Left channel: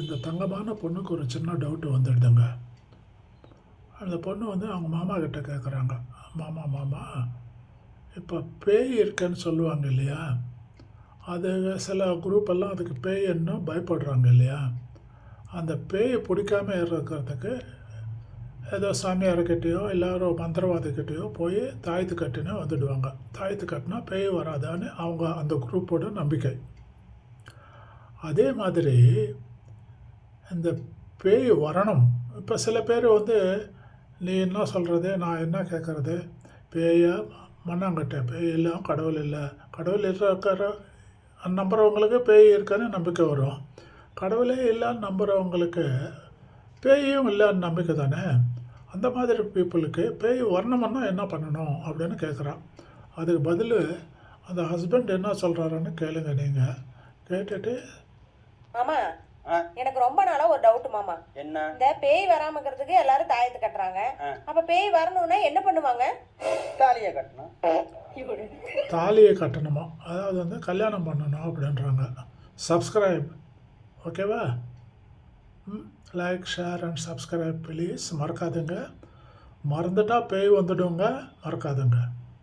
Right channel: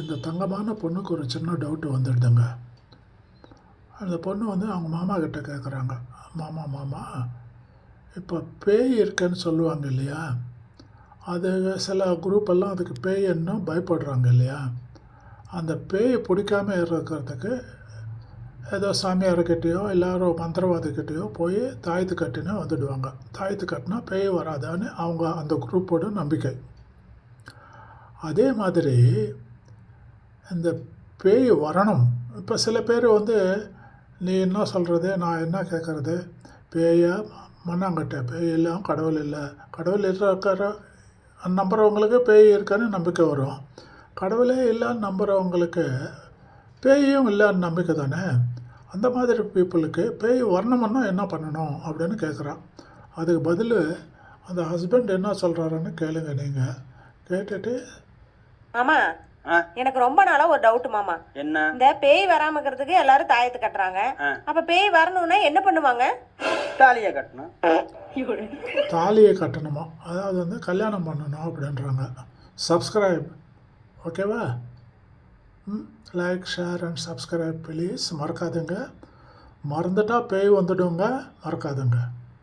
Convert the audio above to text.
இந்த தங்கமான பொண்ணுக்கு ஒரு சின்ன டவுட்டு வந்துடுதுங்க. அந்த பொண்ணு வந்து அவங்க மாமா கிட்ட கேட்குறாங்க, மாமா மாமா இப்போ பேய் இருக்குன்னு சொல்லுவாங்க இல்லையா, அது சில குரூப்பெல்லாம் அதுக்கு பேய்ன்னு பயப்படுறாங்க இல்லையா, அந்த பேய் பிடிக்காம இருக்கிறதுக்கு ஏதோ சாமியார்கிட்டேயோ இல்லை ஒரு மந்திரவாதிக்கிட்டேயோ போய் தாயத்து கட்டினா வந்துடுவாங்க. தாயத்து கட்டினா பேய் வராதான்னு அவங்க அந்த குரூப்போட நம்பிக்கை. அதே மாதிரி இந்த பேய் வரணும். இப்போ சில பேர் வந்து நீ என்ன சொல்கிறது, நான் என்ன கேட்குறது, பேயா மண்ணாங்கட்டை, பேய் இல்லை கடவுள் இல்லை, கடவுள் இருக்கிற நம்புகிறவங்களுக்கு பேய் இருக்கான்னு நம்பிக்கை வரும். கடவுளே இல்லைன்னு நம்புகிறவங்களுக்கு பேயும் இல்லைன்னு நம்பிக்கை தானே. அந்த மாதிரி பீப்புளுக்கு பேய் வரணும்னா என்ன பண்ணணும் அப்படின்னு கேட்குறான். அதுக்கு பதில் அந்த ஹஸ்பண்ட் என்ன சொல்கிறாருன்னு கேளுங்க. நீங்கள் கேட்டுட்டு மாமா எனக்கு ரொம்ப நாளா ஒரு டவுட் மாமா. என்ன? இந்த பேய் வராம இருக்கிறதுக்கு எல்லாரும் தாயத்து கட்டுறாங்க. அப்ப பேய் வரணும்னா என்ன பண்ணுவாங்க? தாலியை கட்டணும். தாலியை கட்டணுமா, அதாவது வந்து கல்யாணம் பண்ணணும் அப்படின்றாங்க. சப்ஸ்கிரைப், ஓகேவா? Like, share and subscribe please. மறக்காதுங்க. மறந்துட்டால் பேய் வந்துடுங்க, மறக்காதுங்க.